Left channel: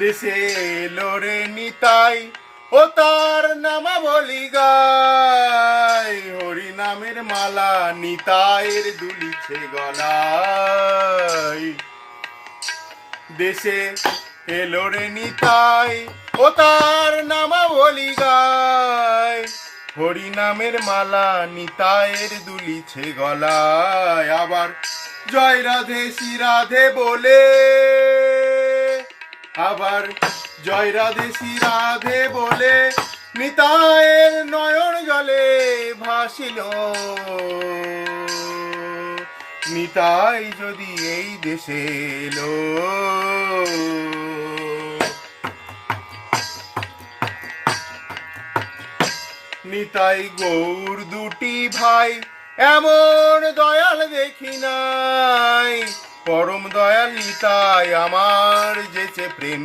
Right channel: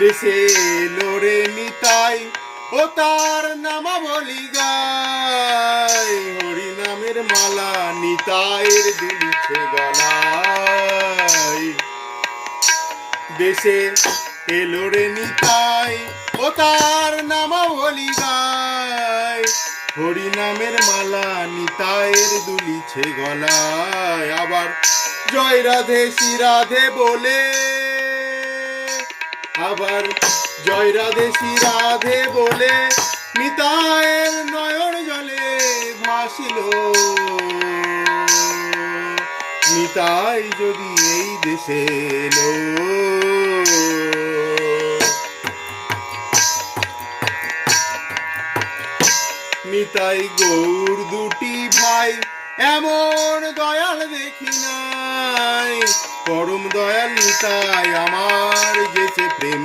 দেশে লোরে নিতাই ও তার নামাবলি গায়, হরি নামের মালা নিতাইয়ের দুলিছে গলায়। দেশে এলো রে নিতাই ও তার নামাবলি গায়, হরি নামের মালা নিতাইয়ের দুলিছে গলায়। আবার জয় রাধে শ্রী রাধে বলে, আবার জয় রাধে শ্রী রাধে বলে নিতাইয়ের নয়ন জলে ভাসিল। নিতাই যদি এই দেশে এলো, নিতাই গৌর দুটি ভাই এমন দয়াল দেখি নাই, পরম দয়াল নিতাই আমার যেছে প্রেম।